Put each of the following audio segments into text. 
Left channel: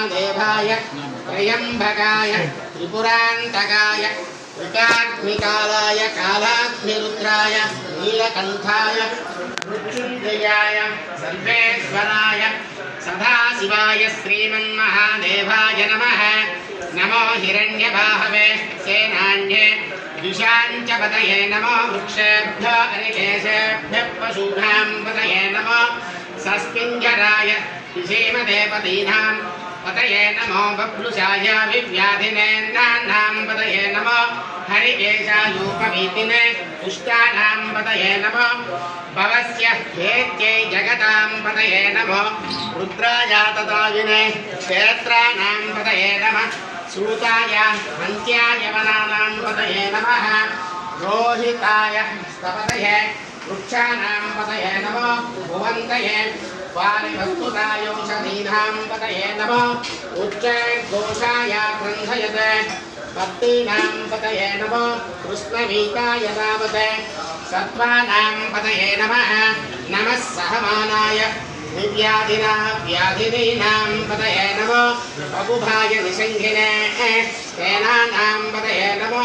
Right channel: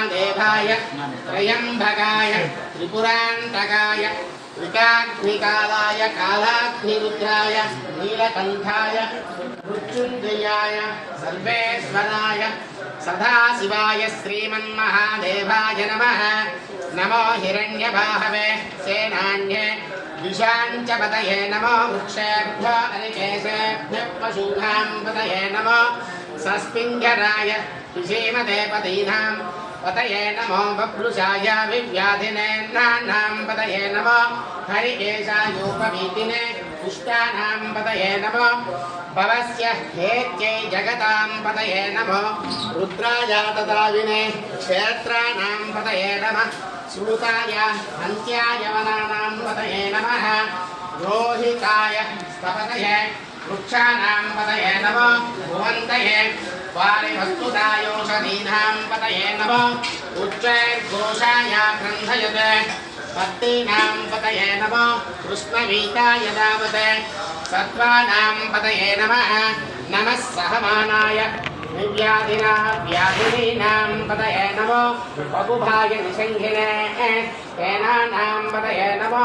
महादेवाय त्र्यंबकाय त्रिपुरांतकाय त्रिकाग्निकालाय कालाग्निरुद्राय नीलकंठाय मृत्युंजयाय सर्वेश्वराय सदाशिवाय श्रीमन्महादेवाय नमः। नमो हिरण्यबाहवे सेनान्ये दिशाञ्च पतये नमो वृक्षेभ्यो अनिकेशेभ्यः पशूनां पतये नमो सस्पिञ्जराय विषीमदेवतीनां पतये नमो बभ्रुषाय विव्याधिनेन्द्राणां पतये नमो हरिकेशायूपवीतिने पुष्टानां पतये नमो भवस्य हेत्यै जगतां पतये नमो रुद्राय तदाविने क्षेत्राणां पतये नमः सूताय अन्त्याय वनानां पतये नमः रोहिताय स्तपतये वृक्षाणां पतये नमो भुवन्तये वारिवस्तुतायोषधीनां पतये नमो उच्चैर्घोषाय ग्रन्थयते पत्नीनां पतये नमो कृष्णवीताय नामते सत्त्वानां पतये नमः नमः सहमानाय निव्याधिना व्याधिनीनां पतये नमो बभुभाय निषङ्गिने सेनानां पतये नमो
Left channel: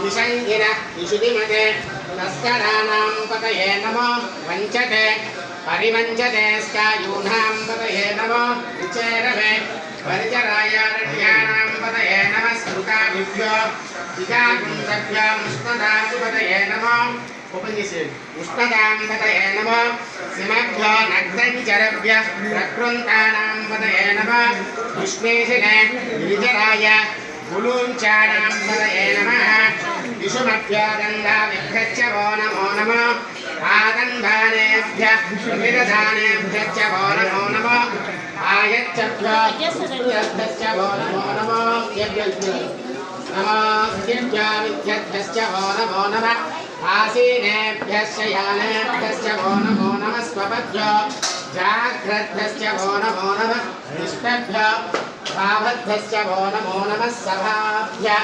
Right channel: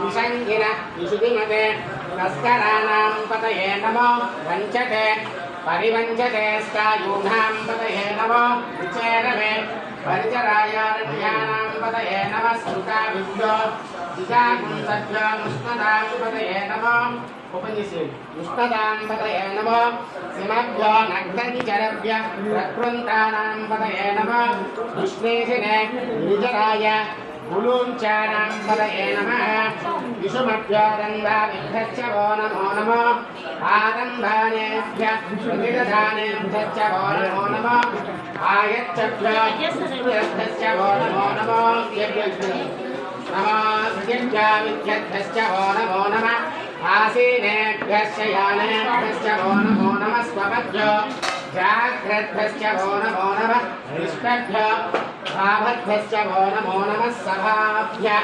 निषङ्गिन विशुधिमते तस्कराणां पतये नमो वञ्चते परिवञ्चते स्कायूनां पतये नमो विचेरवे परिचरायारण्यानां पतये नमः स्मृताभिभ्यो दिशाकुन्तभ्यो मुष्णदाशुपतये नमो उष्णदां पतये नमो सिंहभ्यो नग्नचरभ्यः प्रकृन्तानां पतये नमः विष्णेशिने गिरिजराय गुलूञ्चानां पतये नमः विषुमभ्यो गङ्गाविभ्यश्च वो नमो नमः आदन्धानेभ्यः प्रतिदधानेभ्यश्च वो नमो नमः आयच्छभ्यो पुष्पभ्यश्च वो नमो नमः नमस्तेभ्यश्च वो नमो नमः आसीनेभ्यश्च यानेभ्यश्च वो नमो नमः स्वपभ्यो जाग्रद्भ्यश्च वो नमो नमः निष्पभ्यो भावद्भ्यश्च वो नमो नमः सभाभ्यः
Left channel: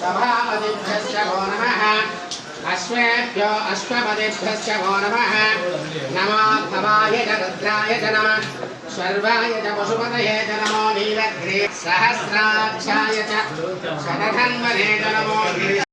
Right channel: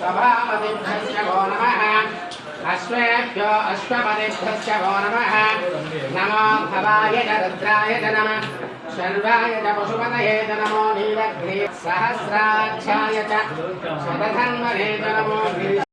सभापतिभ्यश्च वो नमः अश्वेभ्यो अश्वपतिभ्यश्च वो नमः नमो भवाय च रुद्राय च नमः शर्वाय च पशुपतये च नमो नीलग्रीव सहस्राक्षाय च शतधन्वने च नमो